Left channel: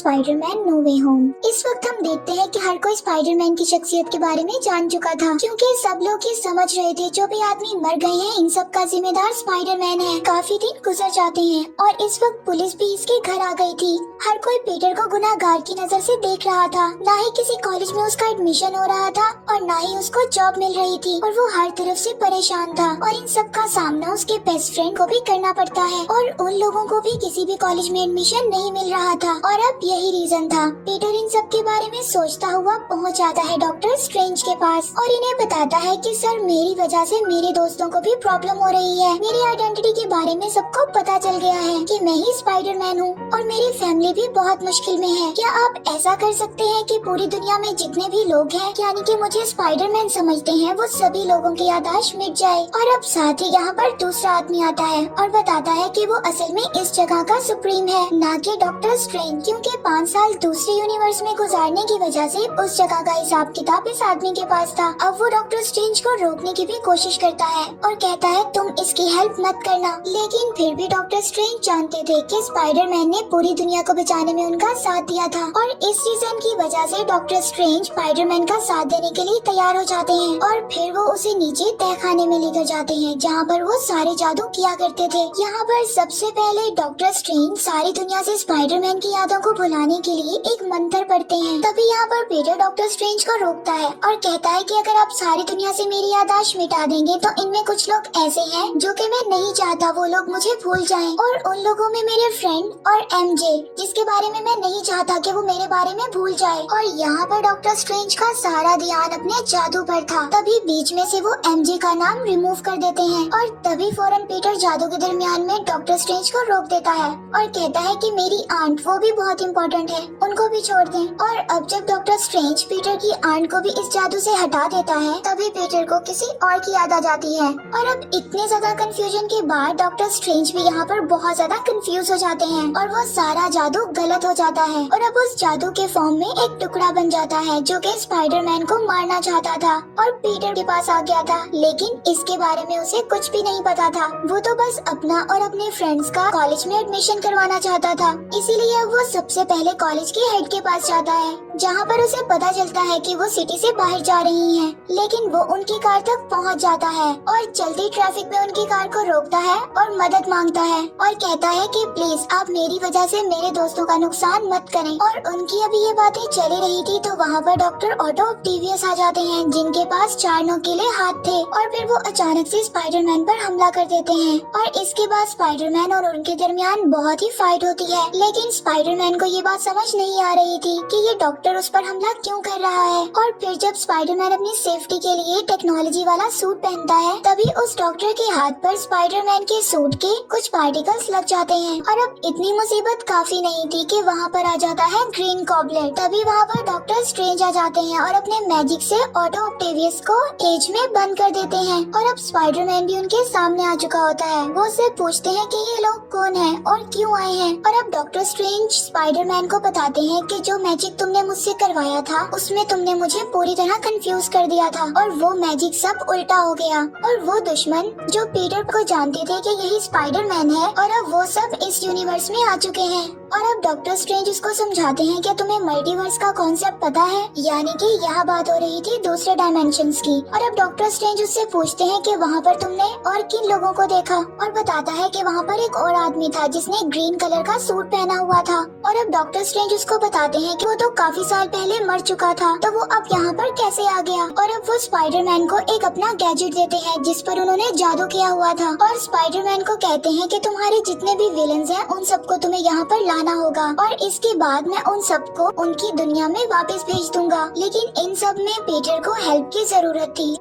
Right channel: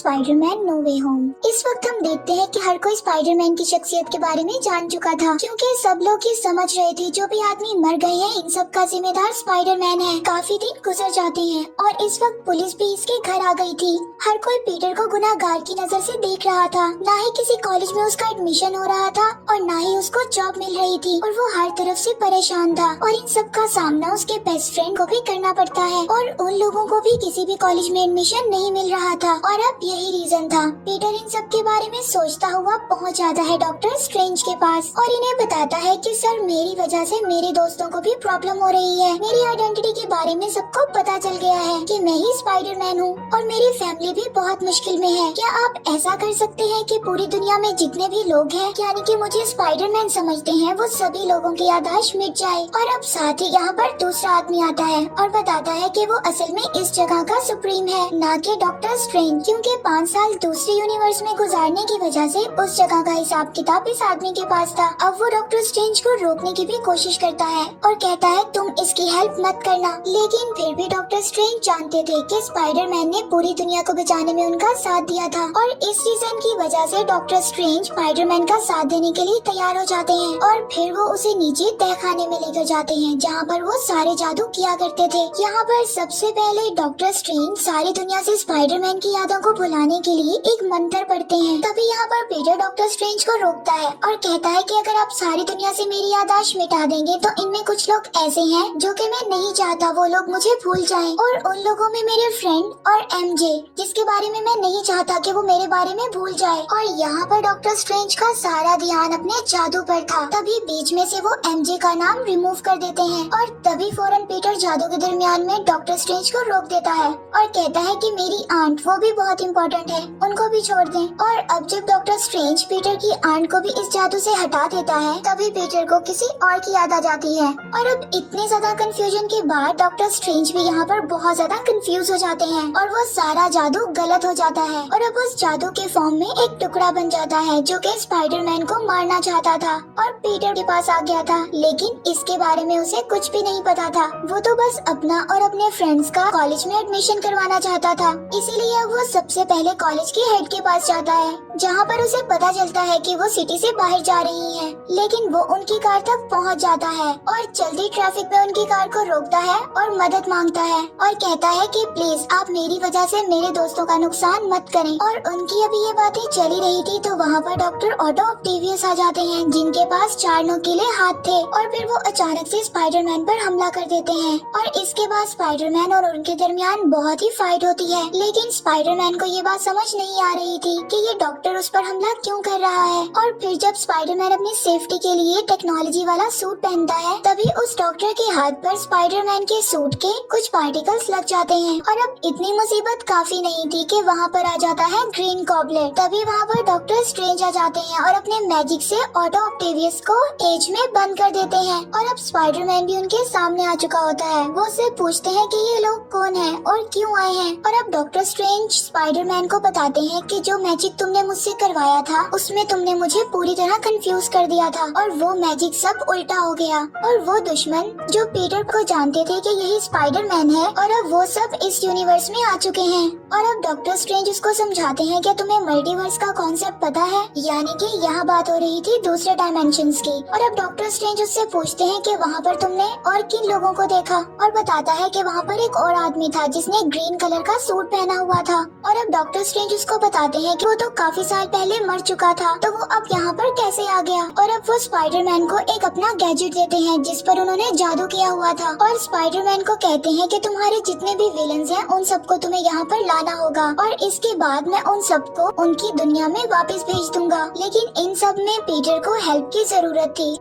Spiderman no वे home. इस वक्त हम देखते हैं कि हर कोई स्पाइडरमैन की शख्सियत के बारे में जान चुका था, क्योंकि सब लोग ये समझ रहे थे जो भी आदमी मर गए हैं इन सब का जिम्मेदार स्पाइडरमैन है। काफी दिन गुजर जाते हैं और इस वक्त पुलिस भी इसके घर आ गई थी। हर कोई पीटर को गुनाहगार की नजर से देख रहा था। ना ही किसी कॉलेज में उसका एडमिशन हो रहा था और ना ही उसको जॉब मिल रही थी और वो हर तरफ से परेशान था। और इन सब का सामना उसके बेस्ट फ्रेंड को भी करना पड़ता है और उन लोगों को भी किसी भी कॉलेज में एडमिशन नहीं मिल रहा था। और अब यही रीजन था। पीटर इन सब के बारे में सोचता हुआ पहुंच जाता है डॉक्टर स्ट्रेंज के पास और इन्हें बताता है कि सर मेरी वजह से मेरे दोस्तों को भी प्रॉब्लम हो रही है। मेरी आइडेंटिटी के बारे में सबको पता चल गया है कि मैं ही स्पाइडरमैन हूँ और मेरी फैमिली भी बहुत मुश्किल में है। क्या आप ऐसा कर सकते हैं कि पूरी दुनिया में जितने भी लोग हैं यानी कि मुझे स्पाइडरमैन समझते हैं वो सभी लोगों की याददाश्त मिट जाए। और अब साथ ही यहाँ पर दूसरा आदमी आता है और बताता है कि वो असल में इस जगह का सुप्रीम है, ना कि डॉक्टर स्ट्रेंज, क्योंकि 5 साल दूसरे यूनिवर्स में गुजारने की वजह से उस जगह का हिसाब किताब इस आदमी के पास था। अब वो डॉक्टर स्ट्रेंज को रोकने की भी कोशिश करता है और कहता है तुम इसकी हेल्प मत करना। लेकिन फिर भी डॉक्टर स्ट्रेंज जानते थे कि स्पाइडरमैन ने पूरी दुनिया को बचाने में उनका साथ दिया था और इस रीजन की वजह से डॉक्टर स्ट्रेंज स्पाइडरमैन का साथ देने के लिए तैयार हो जाते हैं और फिर वो उसे नीचे तहखाने में लेकर जाते हैं जहाँ पर वो सारे जादू किया करते थे। यहाँ पर सबसे पहले डॉक्टर स्ट्रेंज सारी दुनिया से स्पाइडरमैन की यादों को भुलाने के लिए एक मंत्र पढ़ते हैं। तभी यहाँ पर पीटर डॉक्टर स्ट्रेंज को रोकता है और कहता है कि अगर आप सारी दुनिया से मेरी याददाश्त मिटा देंगे तो इनमें कुछ लोग ऐसे हैं जो कि मैं नहीं चाहता वो लोग मुझे भूल जाएं। और उन लोगों में मेरे फ्रेंड और एमजे जिसके बारे में मैं नहीं चाहता कि वो मेरे बारे में भूल जाए। और यहाँ पर डॉक्टर स्ट्रेंज का सारा ध्यान अपने जादू पर था। तभी बीच में से वो एमजे का नाम रिमूव कर देते हैं और तभी फौरन पीटर जादू के दरमियान में डॉक्टर स्ट्रेंज को रोक देता है और कहता है कि मेरी आंट वो भी बहुत इम्पोर्टेंट है, उनको भी छोड़ दें। और अब जब डॉक्टर स्ट्रेंज पीटर की आंट को भी इस जादू से हटा देता है तभी पीटर को किसी और की याद आ जाती है। और अब इतने ज्यादा कंफ्यूजन के बाद डॉक्टर स्ट्रेंज भी यहाँ पर बहुत ज्यादा कंफ्यूज हो जाते हैं और वो सारा जादू गलत हो जाता है और अब उस जादू के फॉर्म में एक टुकड़ा बन जाता है जो कि स्पाइडरमैन को मारना चाहता था और पीटर के पास आ गया था। लेकिन इसके बारे में उसे कुछ भी नहीं पता था। वो तो बस अपना और अपने फ्रेंड्स का कॉलेज में एडमिशन करवाना चाहता था। इसीलिए वो सबसे पहले कॉलेज के हेड के पास जाता है जहाँ पर उसे पता चलता है कि वो सिटी से बाहर जा रही हैं। लेकिन वो उनकी कार तक पहुँच जाता है और चलती ट्रैफिक में उनकी कार को रोकता है और मदद मांगता है और कहता है कि प्लीज आप मेरी वजह से मेरे दोस्तों का नुकसान मत करें। और उनकी अभी ये बातें चली रही थी तो वहाँ पर डॉक्टर ऑटो ऑक्टेवियस आ जाते हैं जिनके पास 4 नोकीले हाथ थे और फिर वो अचानक से स्पाइडरमैन पर हमला कर देते हैं। और इसके बाद स्पाइडरमैन और उनके दरमियान बहुत ही फाइट होती है। लेकिन स्पाइडरमैन को ये बात समझ नहीं आ रही थी कि ये डॉक्टर उस पर हमला क्यों कर रहा है। और फिर जब स्पाइडरमैन अपनी सेफ्टी के लिए टेक्नोलॉजी वाला सूट पहनता है तभी उस डॉक्टर के हाथ पर स्पाइडरमैन के सूट के कुछ पार्टिकल्स लग जाते हैं। और अब इतनी मुसीबत काफी नहीं थी कि वहाँ पर आ जाता है ग्रीन गॉबलेट। तभी वहाँ पर डॉक्टर स्ट्रेंज आ जाते हैं और अपने मैजिक से ऑटो ऑक्टेवियस को केज में बंद कर देते हैं। और अब स्पाइडरमैन भी उनके सामने आ चुका होता है। वो उससे पूछते हैं कि ये लोग कौन हैं और क्यों आए हैं। और अब डॉक्टर स्ट्रेंज स्पाइडरमैन को बताते हैं कि जो मैजिक तुमने मुझसे करवाया था उसमें तुमने मुझे पूरी तरह कंफ्यूज कर दिया था और वो मैजिक सब उल्टा हो गया। और वो दुश्मन जो पीटर को जानते थे कि यही स्पाइडरमैन है और अब वो सब इस यूनिवर्स में आ चुके हैं। और अब डॉक्टर स्ट्रेंज उसको समझाते हैं कि तुम्हें मल्टीवर्स का कॉन्सेप्ट पता है, यानी कि यहाँ बात हो रही थी दूसरे डायमेंशंस की। और अब डॉक्टर स्ट्रेंज उससे पूछते हैं कि वहाँ पर तुमने और किन लोगों को देखा और बताता है कि वहाँ पर एक और आदमी था जिसने ग्रीन कलर का सूट पहना हुआ था। और अब डॉक्टर स्ट्रेंज उसको बताते हैं कि वो तो काफी साल पहले मर चुका था तो वो अब यहाँ पर कैसे आ गया। और अब वो स्पाइडरमैन को एक अपना गैजेट देते हैं जिस पर उन्होंने जादू किया हुआ था और स्पाइडरमैन को कहते हैं कि तुम्हारे जितने भी विलन्स हैं उन सबको तुम्हें यहाँ पर लाना होगा और इसके बाद मैं उन सबको उनकी दुनिया में वापस भेज दूंगा। लेकिन इन सब में पीटर को हेल्प की जरूरत थी।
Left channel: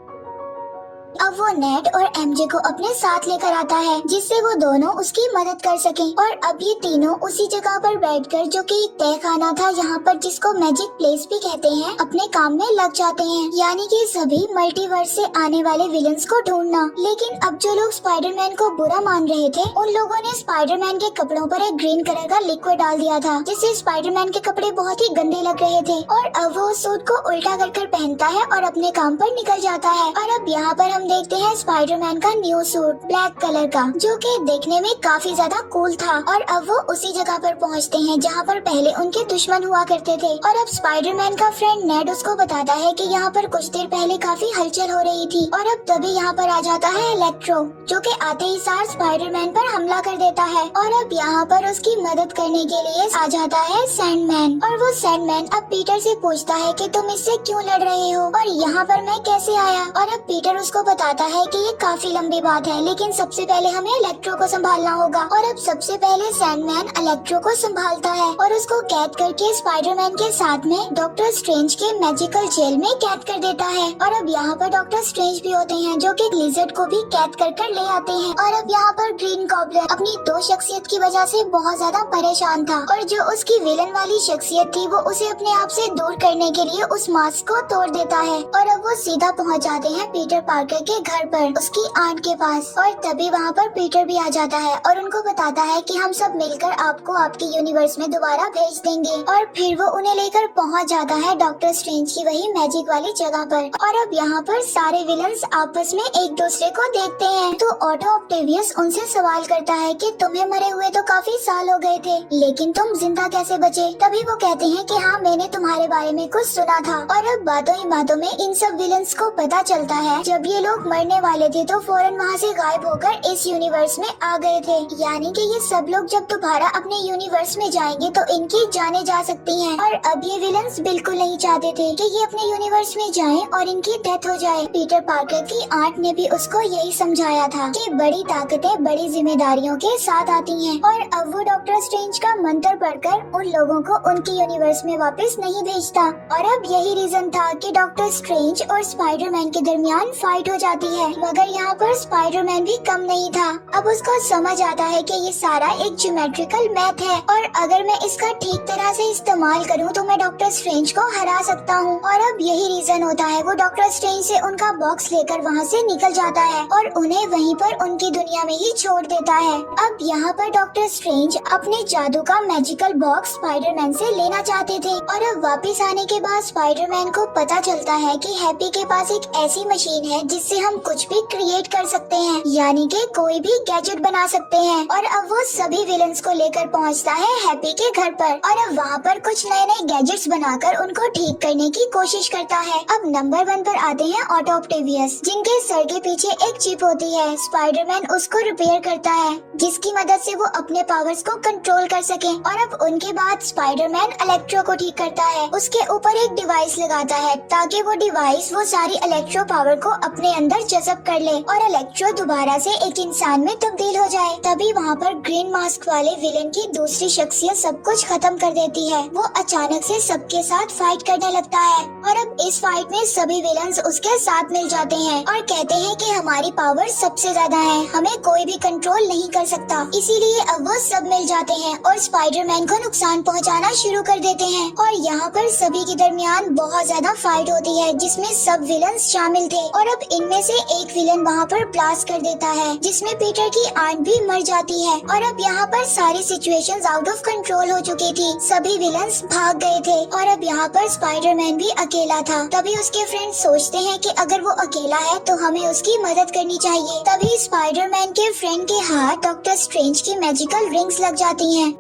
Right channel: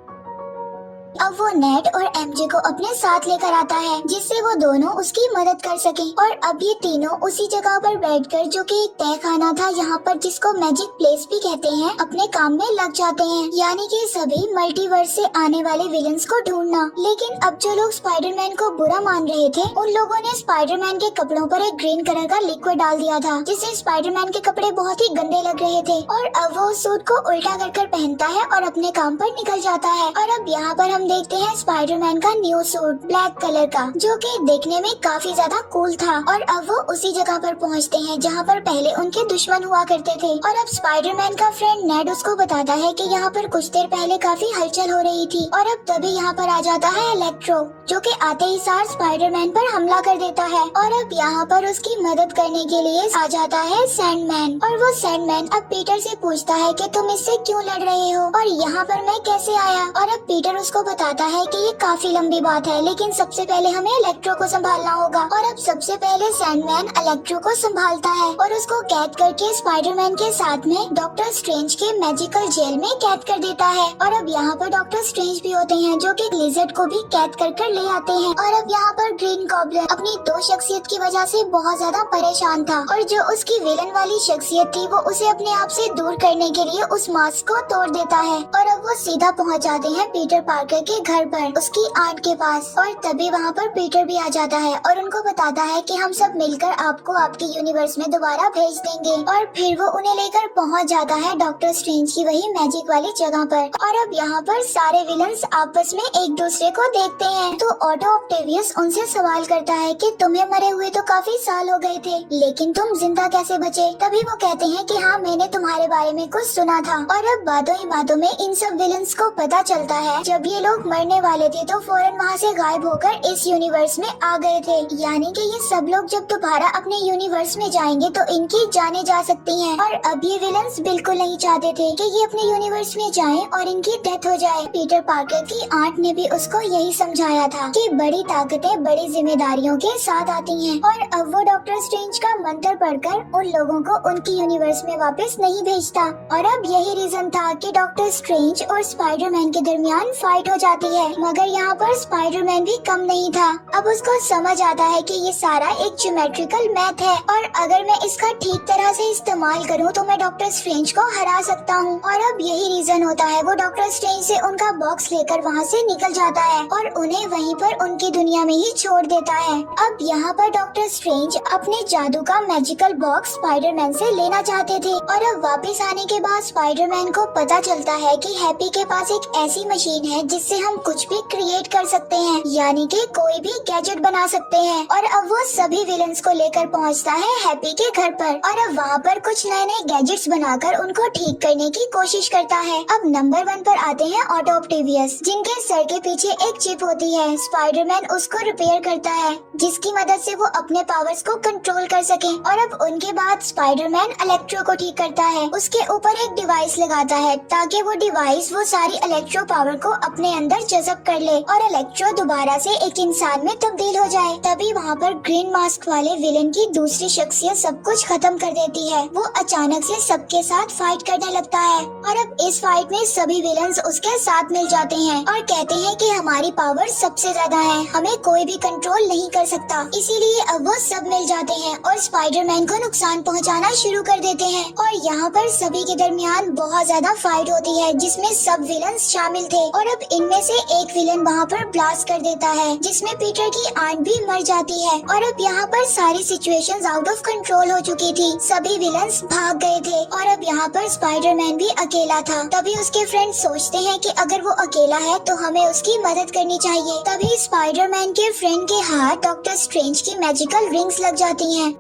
अब वो नेट और एमजे को अपने साथ लेकर आता है जिससे वो दोनों उसकी मदद कर सकें। और अब ये तीनों उसी जगह पर बैठकर जो कि एक तहखाना था यहाँ पर जिसको मैजिक प्लेस भी कहते हैं अपने काम में लग जाते हैं, यानी कि सभी मल्टीवर्स से आने वाले विलन्स को ढूंढना। लेकिन अब जो लोग स्पाइडरमैन को बुरा मान रहे थे उन लोगों ने स्पाइडरमैन के कपड़ों पर एक ग्रीन कलर का लिक्विड डाल दिया था जिससे स्पाइडरमैन के कपड़े बहुत ही गंदे लग रहे थे। और अब वो सूट को उल्टा कर पहनता है और अपने काम पर निकल जाता है। और अब यहाँ पर हम देखते हैं स्पाइडरमैन का न्यू सूट ब्लैक कलर का, जो कि दिखने में काफी ज्यादा कूल था। और अब वो उसी जगह पर पहुंचते हैं जहां पर पहले उनके दुश्मन हुआ करते थे। और अब स्पाइडरमैन का फ्रेंड नेड उसको बताता है कि यहाँ पर कुछ देर पहले काफी हलचल हो रही थी। और अब तभी यहाँ पर आ जाता है इलेक्ट्रो, जो कि आते ही सार स्पाइडरमैन पर हमला कर देता है। और अब यहाँ पर उसकी मदद करने के लिए आ जाता है सैंडमैन। और वो सैंडमैन अब पीटर से पूछता है कि तुम इससे क्यों लड़ रहे हो और यहाँ पर मैं कैसे आया। और अब पीटर उसको बताता है कि ये काफी लंबी बात है, लेकिन सबसे पहले हमें इलेक्ट्रो को संभालना होगा। और अब सबसे पहले सैंडमैन इलेक्ट्रो को संभालता है और उसको कैद करके स्पाइडरमैन के साथ में डॉक्टर स्ट्रेंज के मैजिकल जेल में कैद कर देता है। और अब यहाँ पर डॉक्टर स्ट्रेंज भी होते हैं, जो कि लिजर्ड को भी कैद कर ले आते हैं। और अब यहाँ पर ग्रीन गॉब्लिन अपनी दो शख्सियत की वजह से बहुत ज्यादा परेशान था, और जो उसकी विलन वाली शख्सियत थी वो उसे अपने आप से दूर करने के लिए उस मास्क को तोड़ देता है। और अब वो सीधा पहुँच जाते हैं पीटर पार्कर के घर पर, उसकी आंट के पास। और तभी वहाँ पर पीटर भी आ जाता है और उनको बताता है कि हम सब मिलकर आपको आपके यूनिवर्स में दोबारा भेज देंगे। और फिर वो उन्हें लेकर पहुँच जाता है डॉक्टर स्ट्रेंज की वही मैजिक वाली जगह पर। और अब यहाँ पर सारे विलन्स आपस में एक दूसरे को देखते हैं, तो ऑटो ऑक्टेवियस उनसे सवाल करता है कि तुम्हें मरे हुए तो काफी साल हो गए थे, लेकिन तुम जिंदा कैसे बचे। तभी वो कहते हैं कि हाँ, मैंने तुम्हारे बारे में कुछ सुना था। और अब बातों ही बातों में इन सब विलन्स को पता चलता है जब ये लोग मरने वाले थे तो फौरन वहाँ से गायब होकर इस यूनिवर्स में आ गए थे। यानी कि ये सब लोग जब दोबारा अपने यूनिवर्स में जाएंगे तो इनकी जाने जा सकती हैं। और अब ये विलन्स बिल्कुल नहीं चाहते थे कि ये अपने यूनिवर्स में जाएं और इनकी डेथ हो जाए। पीटर पार्कर की आंट ने भी उसको यही समझाया था कि बड़ी ताकतें बड़ी जिम्मेदारियों के साथ आती हैं। और अब वो डॉक्टर स्ट्रेंज का मंत्र पढ़कर उन लोगों को उनकी यूनिवर्स में वापस नहीं भेजता। और अब यही रीजन था कि डॉक्टर स्ट्रेंज और स्पाइडरमैन के दरमियान फाइट हो जाती है। मगर यहाँ पर स्पाइडरमैन भी कम नहीं था। अब उसको समझ आता है कि ये सारा एक ज्योमेट्रिकल मैथ है, और अगर मैं इसका ठीक तरह से इस्तेमाल करूँ तो मैं डॉक्टर स्ट्रेंज को हरा सकता हूँ। और अब यही रीजन होता है वो डॉक्टर स्ट्रेंज से उनका बॉक्स लेकर वहाँ से निकल जाता है और उन्हें वहीं पर उनकी दुनिया में ही छोड़ देता है। अब यहाँ पर डॉक्टर स्ट्रेंज अपने जादू का मैजिकल बॉक्स स्पाइडरमैन से लेना चाहते थे। और अब वापस आने के बाद स्पाइडरमैन को पता चलता है कि हैप्पी के पास एक ऐसी मशीन है जिससे हम कुछ भी क्रिएट कर सकते हैं, यानी कि कोई भी गैजेट बना सकते हैं। और अब वो सभी विलन्स को लेकर पहुंचता है हैप्पी के घर पर, और अब वहाँ पर कुछ नए नए गैजेट्स बनाकर उनको ठीक करने की कोशिश करता है। अब नंबर 1 पर आते हैं ऑटो ऑक्टेवियस, जिनके सर के पीछे एक चिप होती है। स्पाइडरमैन उसको रिपेयर करता है, जिसकी मदद से वो अपने पावर्स को कंट्रोल कर सके। और अब उनके बाद स्पाइडरमैन इलेक्ट्रो को ठीक करता है, उसके ऊपर एक डिवाइस लगाता है ताकि वो डिवाइस वो सारी इलेक्ट्रो पावर को अपने अंदर जज़ब कर ले और इलेक्ट्रो दोबारा से एक इंसान में तब्दील हो जाए। तभी वहाँ पर ग्रीन मास्क वाले विलन की दूसरी शख्सियत सब कुछ खत्म कर देती है। वो अचानक से सबके साथ फाइट करने लगता है, और अब इस फाइट में सभी विलन्स उसके साथ मिल जाते हैं और कहते हैं कि हमारी पावर सबसे ज्यादा है, हमें कोई भी कंट्रोल नहीं कर सकता। इसीलिए अब वो सब मिल जाते हैं और स्पाइडरमैन को नुकसान पहुंचाना शुरू कर देते हैं। और यहाँ पर सभी के दरमियान बहुत ज्यादा फाइट होती है, जिसमें सब विलन्स शामिल थे। और अब इनमें से एक विलन वहाँ पर ब्लास्ट कर देता है, जिसमें पीटर की आंट भी मर जाती है। और अब यहाँ पर सारी सिचुएशंस आउट ऑफ कंट्रोल हो चुकी थी, सभी विलन्स भाग गए थे और अब यहाँ पर स्पाइडरमैन भी अकेला था। तभी उसके फ्रेंड सोचते हैं कि अगर वो अकेला है तो हमें उसकी मदद करनी चाहिए। तभी स्पाइडरमैन के फ्रेंड के हाथ डॉक्टर स्ट्रेंज की मैजिकल रिंग्स लग जाती हैं,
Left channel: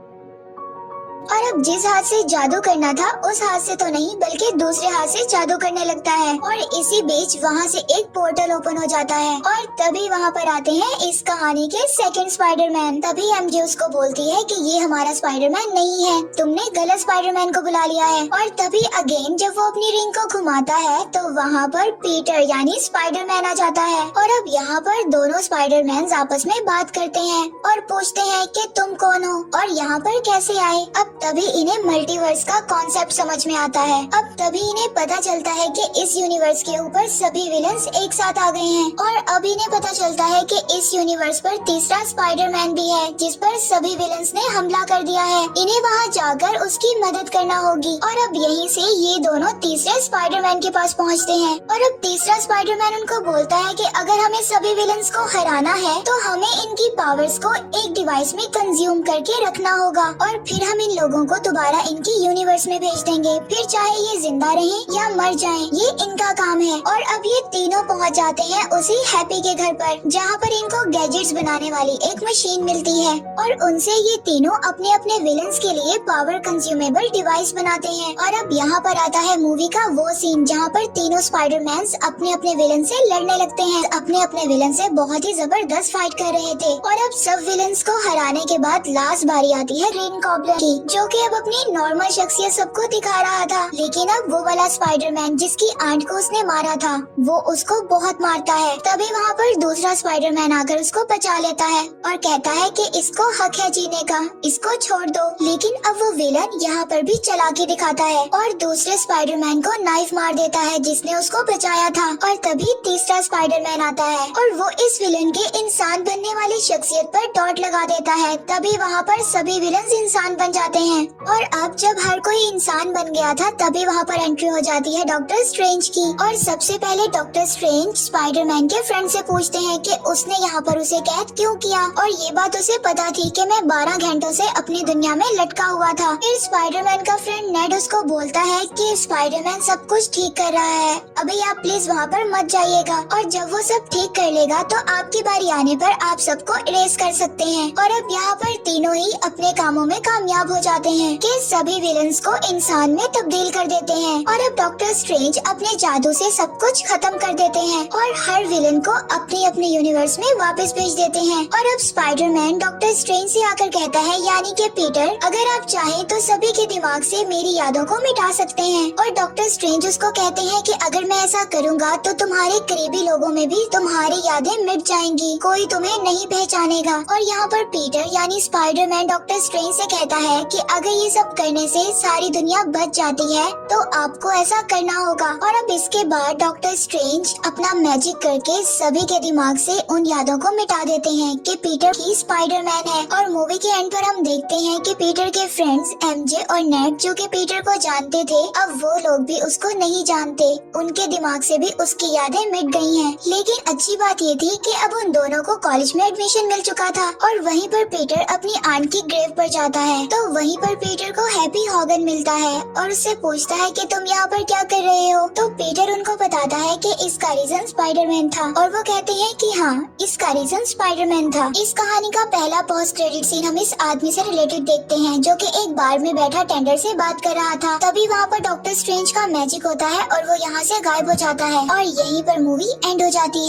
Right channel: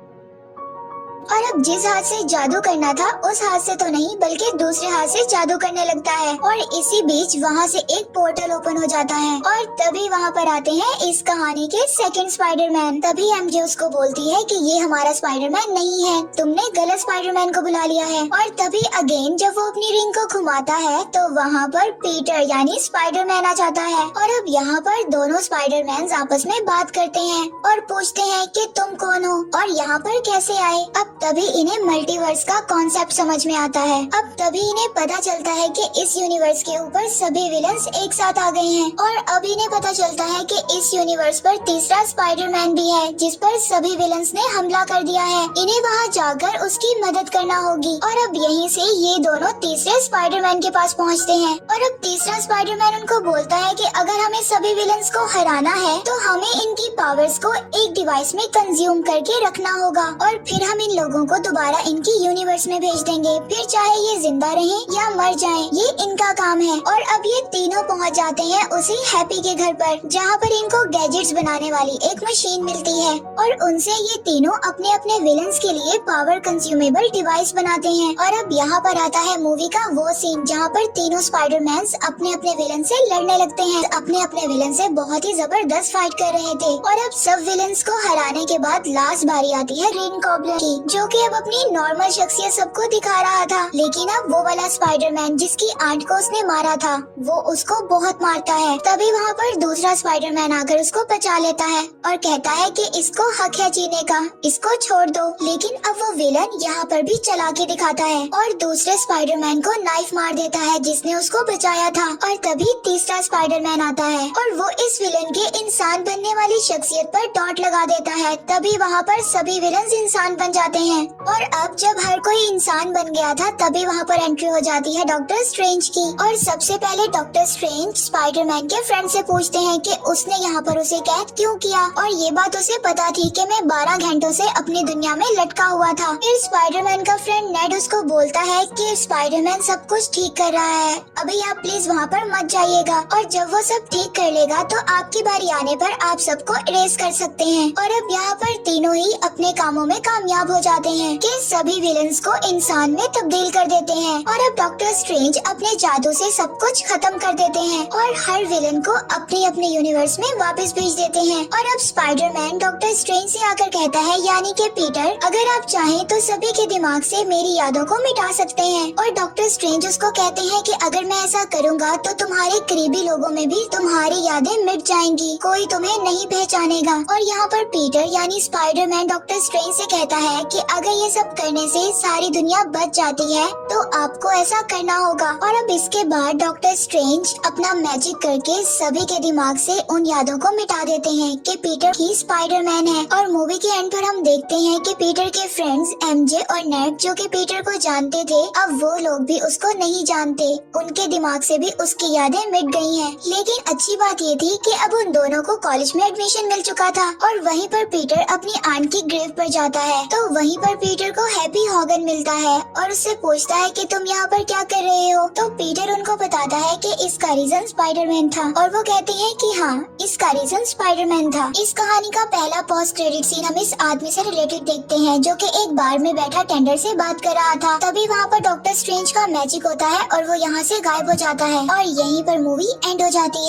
और अब जिस हाथ से जादू करना था उस हाथ से तो नहीं बल्कि दूसरे हाथ से जादू करने लगता है। और इसी बीच वहाँ से एक पोर्टल ओपन हो जाता है, और तभी वहाँ पर आते हैं इस कहानी के सेकंड स्पाइडरमैन। तभी एमजे उसको बोलती है कि ये हमारा स्पाइडरमैन नहीं है, तुमने गलत स्पाइडरमैन को बुला लिया है। और तभी अगेन जब वो अपनी रिंग को घुमाता है तो वहाँ पर पीटर यानी स्पाइडरमैन आ जाता है। और अब यहाँ पर दोनों स्पाइडरमैन आपस में बात करते हैं और पूछते हैं कि तुम कौन हो और यहाँ पर कैसे आए। अब तभी इन्हें मल्टीवर्स का कॉन्सेप्ट समझ में आता है। अब तभी इन्हें पता चलता है कि इस यूनिवर्स के ऊपर सभी विलन्स एक साथ आ गए हैं, और अब इन्हें पता चलता है कि इस यूनिवर्स पर तीसरा स्पाइडरमैन भी है, जिस पर सभी विलन्स ने हमला कर दिया है। इन्हें वहाँ जाकर उसकी मदद करना होगी। और अब यहीं से ये दोनों तीसरे स्पाइडरमैन के पास पहुँचते हैं, और अब तीसरा स्पाइडरमैन उनको बोलता है कि अगर हमें सभी विलन्स को हराना है तो हमें इनकी पावर्स को एक डिवाइस में कंज्यूम करके रखना होगा, और फिर हम इन लोगों को दोबारा इनके यूनिवर्स में भेज देंगे, फिर चाहे ये जिंदा रहे या मर जाए, ये इनका काम है। और अब ये तीनों पहुंच जाते हैं उसी हैप्पी के घर पर, जहां पर इनको गैजेट्स बनाने वाली एक मशीन मिलती है और उनसे ये तीनों अपने अपने विलन्स के लिए पावर कंज्यूमेबल डिवाइस बनाते हैं। और अब यहाँ पर आता है मूवी का वो सीन जहाँ पर तीनों स्पाइडरमैन अपने अपने विलन से लड़ने लगते हैं, अपने अपने विलन से बहुत ही जबरदस्त फाइट कर रहे थे। और अब सब विलन्स को हराने के बाद लास्ट बारी आती है ग्रीन गॉब्लिन की, जो कि अब अपनी नॉर्मल शख्सियत सबको दिखा रहा था। लेकिन अब वो वाला स्पाइडरमैन जिसकी आंट को उसने मारा था, वो उसको बहुत मारता है। तभी वहाँ पर दूसरा स्पाइडरमैन आकर उसको बचा लेता है और कहता है कि इसको हक है जीने का, इसको छोड़ दो। लेकिन अब वो विलन यहाँ पर भी चला के दिखाता है और दूसरे स्पाइडरमैन को नाइफ मार देता है जिसने उसको बचाया था। और तभी तीसरा स्पाइडरमैन आता है और वो इस विलन के इंसान बनने वाली शख्सियत पर डॉट लगा देता है। तभी वहाँ पर सभी विलन इंसान बन जाते हैं। और अब जब हर कोई इंसान बन गया था, तभी वहाँ पर एंट्री हो जाती है डॉक्टर स्ट्रेंज की। और सबसे पहले डॉक्टर स्ट्रेंज स्पाइडरमैन के फ्रेंड से पूछते हैं कि उसने यहाँ पर उसे कैद क्यों किया। और ये बात उसे पता थी कि मैं 12 घंटों से अपनी दुनिया में लटका हुआ था। फिर स्पाइडरमैन का फ्रेंड नेड उसको बोलता है कि स्पाइडरमैन सब कुछ ठीक कर रहा है, अभी आप प्लीज वहाँ पर मत जाइएगा, और जब वो सब ठीक कर लेगा तो आपकी बारी आने पर आप सबको इरेज कर सकते हैं। और अब यहाँ पर तीनों ही अपने कामों में कामयाब हो जाते हैं कि सभी विलन्स को इंसान में तब्दील कर देते हैं। और अब डॉक्टर स्ट्रेंज अपने जादू से सब कुछ खत्म कर देते हैं और हर विलन को अपने अपने यूनिवर्स में वापस भेज देते हैं। और अब स्पाइडरमैन डॉक्टर स्ट्रेंज से आकर कहता है, यानी कि पीटर, अगर आप चाहें तो सभी के दिमाग से मेरी यादों को मिटा सकते हैं। और डॉक्टर स्ट्रेंज उसको कहते हैं कि अगर मैं ऐसा करूँगा तो तुम्हारे करीबी लोगों में भी तुम्हारी यादें मिट जाएंगी, कोई तुम्हें नहीं पहचानेगा। और यहाँ पर पीटर यानी स्पाइडरमैन डॉक्टर स्ट्रेंज से कहता है कि अगर ये सब करने से सारी दुनिया बच जाती है तो आपको ऐसा करना होगा। और अब इसके बाद डॉक्टर स्ट्रेंज अपना मैजिक करके सभी के दिमाग से उन यादों को मिटा देते हैं कि पीटर ही स्पाइडरमैन है। और मूवी के एंड पर हम देखते हैं कि पीटर के फ्रेंड्स एमजे और नेड, जो कि पीटर को जानते थे, अब वो लोग भी उसको नहीं जानते, उनके दिमाग से भी उसकी यादें मिट गई हैं। लेकिन अच्छी बात ये थी कि अब उन दोनों को कॉलेज में एडमिशन मिल चुका था। और वहीं पर पीटर अपनी आंट की ग्रेव पर जाता है तो वहीं पर पीटर को हैप्पी हॉगन मिलता है और उससे पूछता है कि तुम यहाँ पर क्या कर रहे हो। तो पीटर उनको बताता है कि इसका रीजन स्पाइडरमैन था और वो कहते हैं कि हाँ, इसका रीजन स्पाइडरमैन था। इस कहानी का पहला पोस्ट क्रेडिट सीन हम इस आदमी से रिलेटेड देखते हैं जो कि एक बार में बैठा टेंडर से बात कर रहा था। तभी वहाँ पर डॉक्टर स्ट्रेंज का मैजिक होता है और वो यहाँ से गायब हो जाता है और यहीं पर मूवी एंड हो जाती है।